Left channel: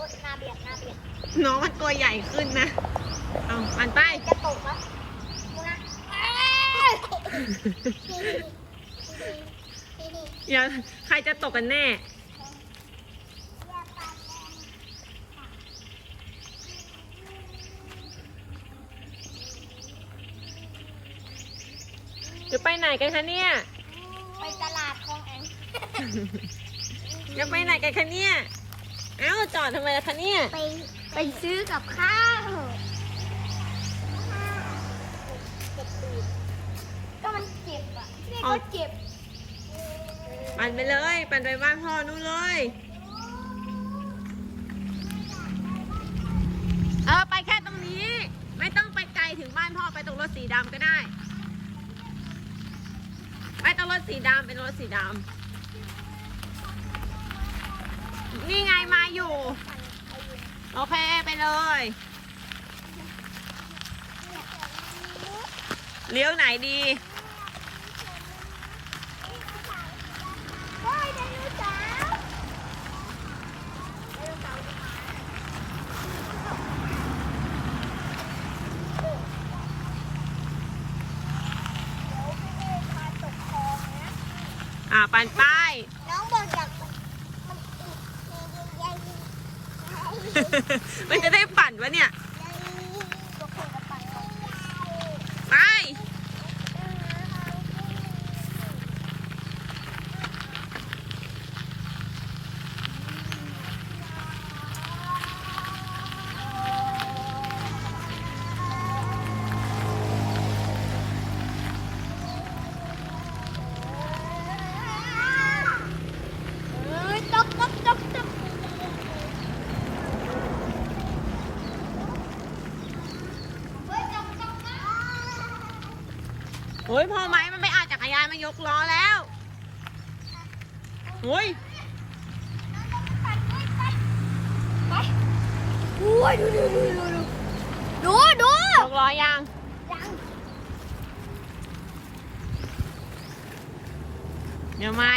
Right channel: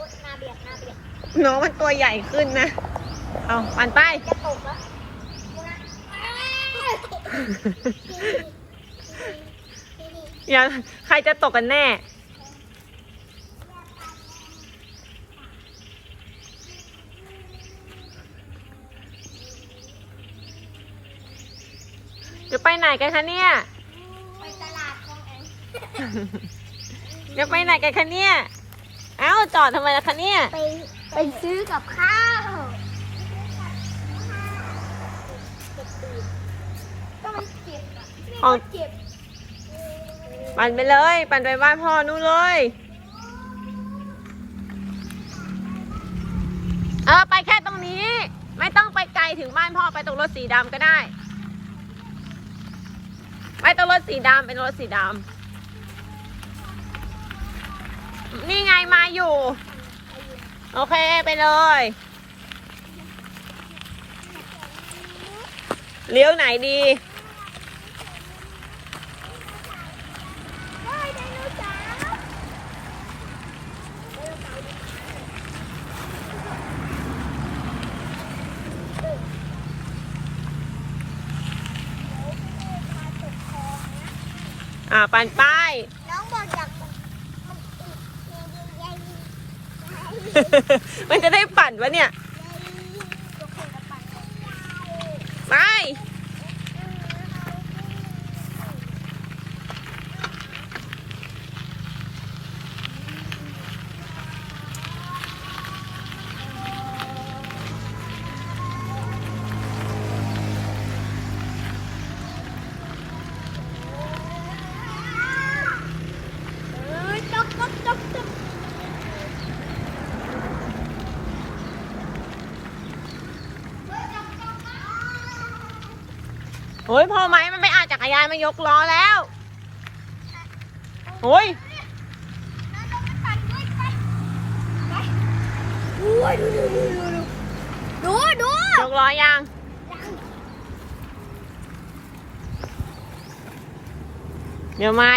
อ้ยหน้าเบียดหน้าเบียดน้องมันตัวใหญ่ขึ้นนะ เอาปันไป จะตกแล้วมึงอะเอ้ยอย่าใครจะตกกันแน่ จะไปไหนกันคะเนี่ย ไปตลาดของแองจะไปไหนกันคะเนี่ย เอ้าจอดทำไมล่ะคะเนี่ย ไปไปซื้อกับข้าวเจ็บตีนก็มันเจ็บอะเนี่ยอ๋อก็เจ็บปั่นไปเลย ปั่นไปบ้านพ่อนู่นเลย เออไปแค่ตรงนี้ ไม่ต้องไปไกลถึงบ้านพ่อไปตรงรถสีดำก็ได้ ไปตรงรถสีดำเป็นรถสีดำ มาอยู่ โอเคไปเลย เลี้ยวไหนดีอ่าปันปน้องบอกอยากมันอีกใหญ่ๆ มันจะได้ปั่นวะเนี่ย โอ้ยพอไหมมันไปอาจักรยานมายกล้อแล้วโอ้ยดูดูดูดูดูดูยกล้อยังเดี๋ยวมา